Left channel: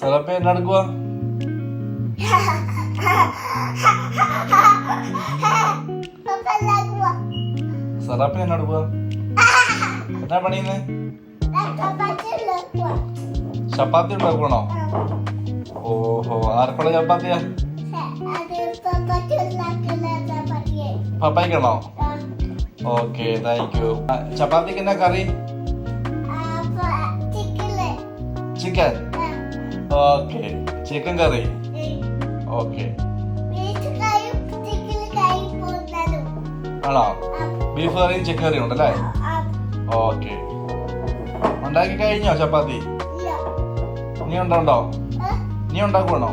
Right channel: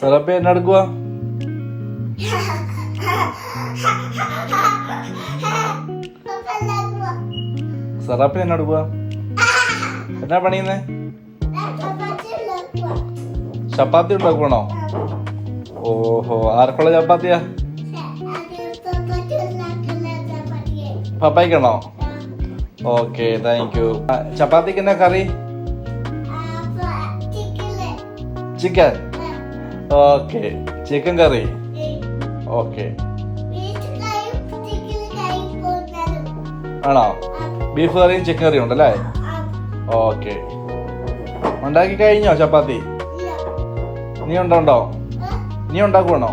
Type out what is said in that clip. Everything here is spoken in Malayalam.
സെറപ്പി എന്നെ എടുക്കുക. സെറപ്പി എന്നെ എടുക്കുക. എന്നാ പണിയുന്നേ? ചപ്പാത്തി ഉണ്ടാക്കണോ? ഓഹോ, ആർക്കുള്ള ചപ്പാത്തിയാ? പപ്പായിക്കണോ? Okay, thank you. ചപ്പാത്തിക്ക് എന്നാ കറി? ചിക്കൻ. ഓക്കെ, ചിക്കൻ കറി. ഓക്കെ, ആണോ? ബീഫ് കറിയും ചിക്കൻ കറിയും ഉണ്ടല്ലേ? ഓക്കെ. ഉണ്ടാക്കി കഴിഞ്ഞോ ചപ്പാത്തി? നീ ഉണ്ടോ? നീ ഉണ്ടാക്കുവാണോ?